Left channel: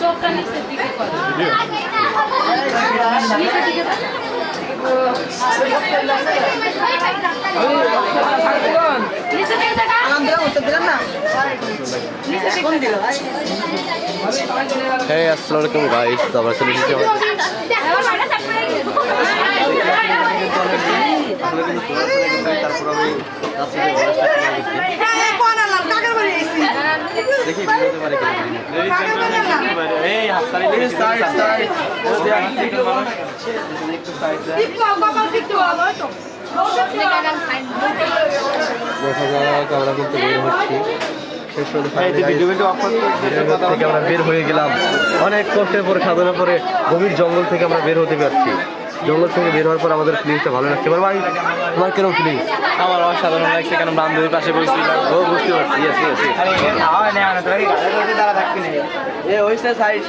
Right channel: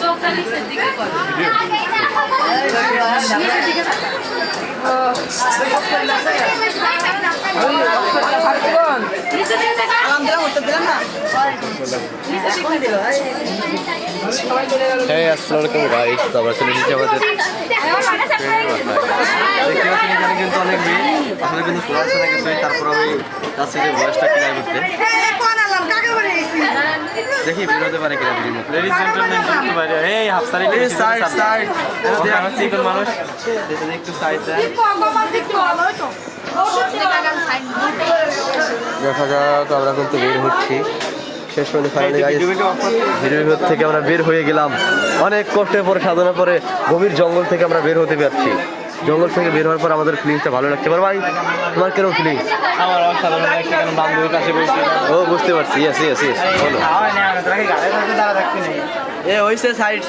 চোখটা নিচের দিকে করো। নিচের দিকে নিচের দিকে দেখা হ্যাঁ আসসালামু আলাইকুম গাইস, তো আমরা চলে এসেছি আমাদের দেখি বেরোতে পারে কিনা একটু সাইড দেখা যাক, আমরা কিন্তু বের হচ্ছি। শেষ পর্যন্ত ভিডিওর থেকে আমরা বের হয়ে গেলাম। অনেক কষ্টের পর সাধনার পরে গভীর জঙ্গল থেকে আমরা বের হতে পারছি। জঙ্গল থেকে বের হওয়ার পর আমাদের ফিলিংসটা ভালো লাগছে। এবার ভাই তোমার কেরম ফিলিংস? আমার অসাধারণ লাগছে, কারণ বান্ধবীর পাশে বসছি। ও বুঝতে পারছি, ইয়েস ইয়েস ওইসে সাইড